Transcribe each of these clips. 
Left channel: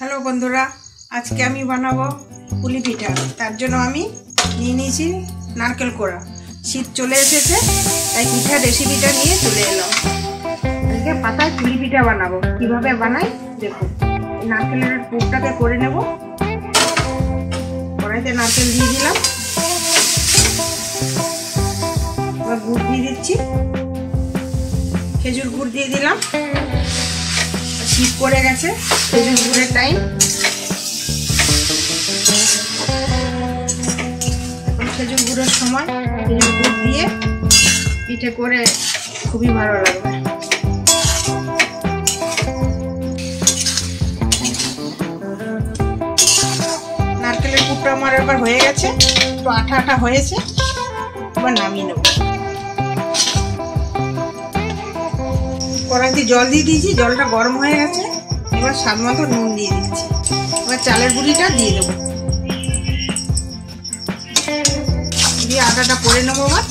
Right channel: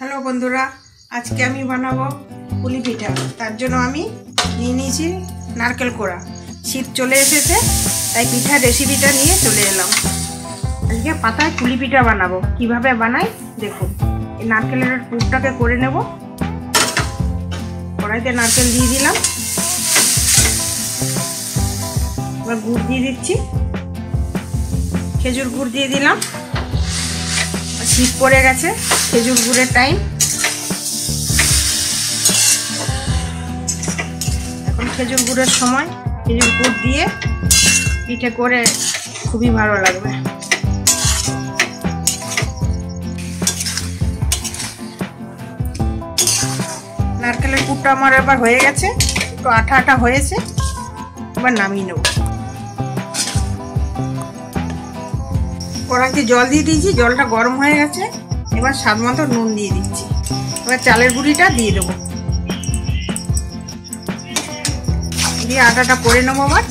Hello बंधुरा आज के आमी बानाबो पुली पिठा। तार जोन्नो आमी निये निয়েছি नारकेल कोड़ा। शीत चले एसेছে তাই পিঠা রেসিপিটা নিয়ে চলে এলাম। আজকে পাতায় পুলি পিঠা বানাবো। কিভাবে বানাই দেখুন। এই নারকেলের পুরটাকে করে নেব। কড়াইতে নারকেল দিয়ে দিলাম। এবার গুড় দিয়ে দিচ্ছি। খেজুর গুড় দিয়ে দিলাম। শীত পড়ে গেছে, খেজুর গুড়ের টাইম। এখন খেজুর গুড়ের সময় খেজুর গুড় দিয়ে পিঠে করে খুবই ভালো লাগবে। নারকেলের পুরটা আমার এবার হয়ে গেছে, একটু আঠা আঠা হয়েছে। এবার নামিয়ে নেব। কড়াইতে জল দিয়ে দিয়েছি, জলটা গরম হয়ে গেছে। এবার স্বাদ মতো নুন দিয়ে দিচ্ছি। এবার চালের গুঁড়িটা দিয়ে দেবো, দিয়ে আটাটা করে নেবো। আবার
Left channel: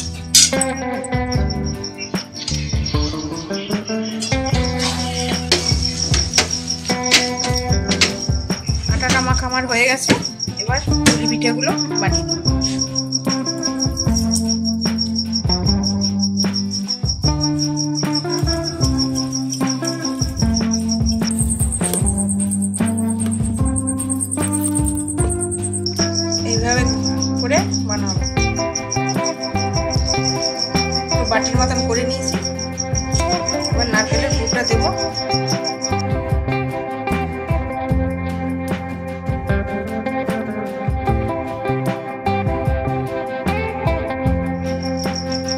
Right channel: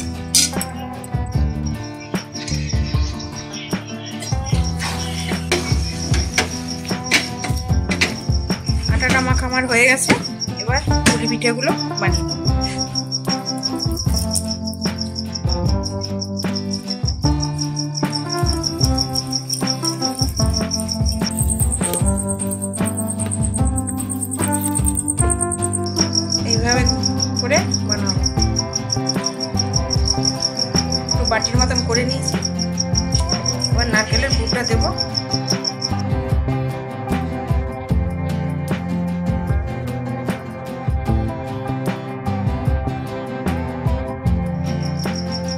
আটাটা মাখা আমার হয়ে গেছে। এবার পুলি পিঠেগুলো বানিয়ে নেব। এইভাবে করে বানাবো। বাটির মতন করে নিয়েছি। এবার নারকেলের পুরটা দেব।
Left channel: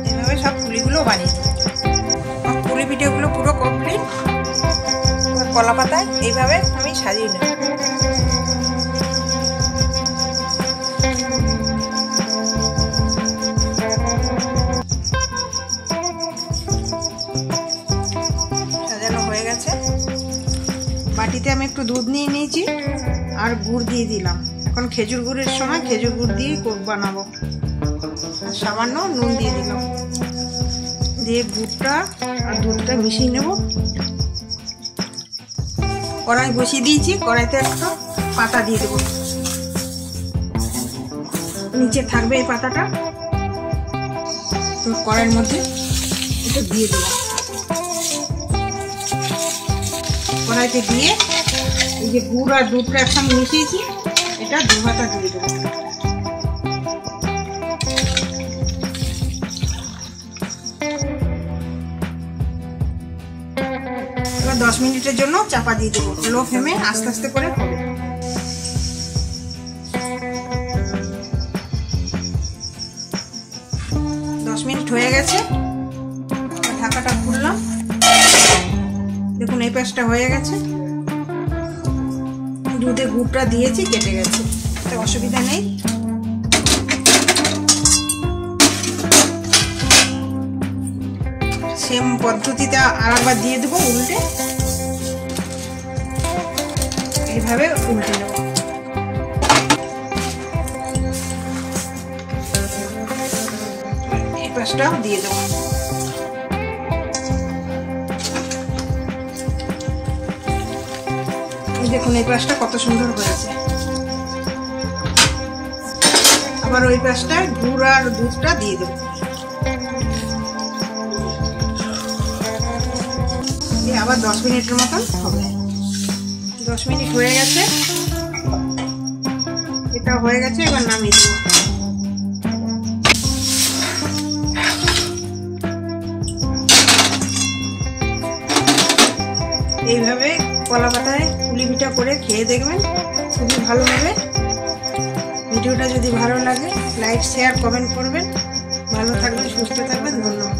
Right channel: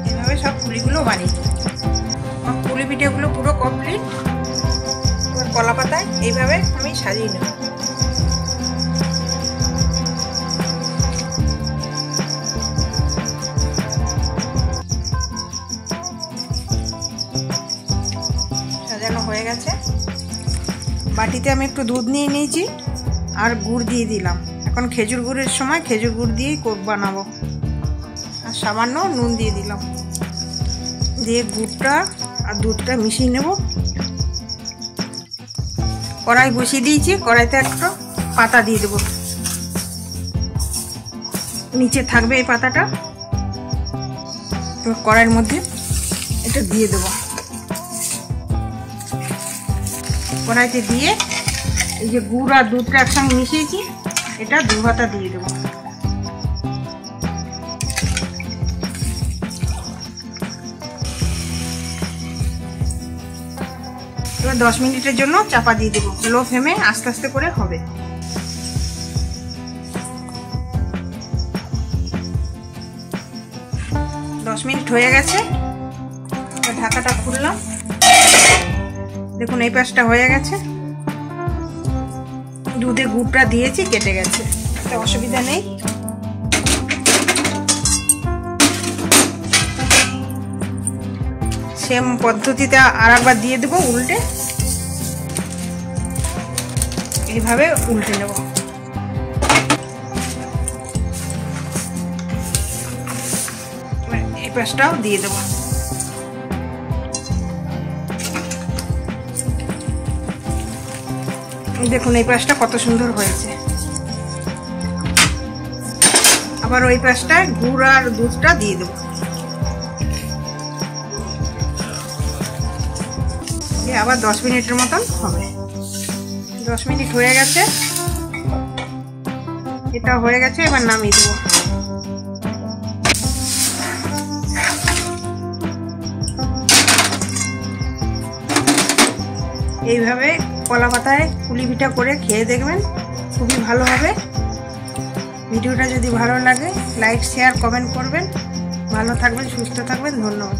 এইভাবে সব পুলিগুলো বানিয়ে নেব। পুলি পিঠেগুলো পুরো কমপ্লিট। কলা পাতায় এইভাবে আমি সাজিয়ে নেব। হয়ে গেছে। বাটিতে আমি একটু দুধ নিয়ে নিয়েছি আর গুড় দিয়ে দিলাম। এখন খেজুর গুড়ের সময় খেজুর গুড় দিয়েই বানাবো। আর সামান্য নুন দিয়ে দিলাম, দিয়ে গুড়টা আর দুধটা মিশিয়ে নেব। কড়াই বসিয়ে দিয়েছি, কড়াইতে একটা পাতা দিয়ে দেবো। নিচে থাকবে এই পাতাটা, তো কড়াইয়ের মধ্যে এটা দিয়ে দেবো। কড়াইতে দিয়ে এই যে গুড় আর দুধটা একসঙ্গে মিশিয়েছি, এটা 2 হাতা দিয়ে দেবো। এবার 10 মিনিটের জন্য চাপা দিয়ে দেবো। লো ফ্লেমে আস্তে আস্তে করে হবে। দশ মিনিট হয়ে গেছে। ঢাকাটা খুললাম। দেখুন এই পাশটা হয়ে গেছে। দুধে গুড়টা দিয়েছি, কেটে গেছে, অসুবিধা নেই। সেম পদ্ধতিতে আরেকবার দিয়ে দেবো উল্টে। এইভাবে উল্টে নেব। এই পাশটা দিয়ে দেবো। দেখুন এই পাশটা কত সুন্দর হয়েছে। আবার ওই পাশটায় গুড় আর দুধটা দিয়ে দেবো। আবার 10 মিনিটের মতন হবে। 10 মিনিট হয়ে গেছে, এটা হয়ে গেছে। এবার নামিয়ে দেবো। এইভাবে কলা পাতায় পুলি পিঠা করে খেয়ে দেখবেন, খুবই ভালো হবে। ভিডিওটা যদি ভালো লাগে লাইক শেয়ার কমেন্ট করবেন। ভালো থাকবেন, সুস্থ থাকবেন। ধন্যবাদ।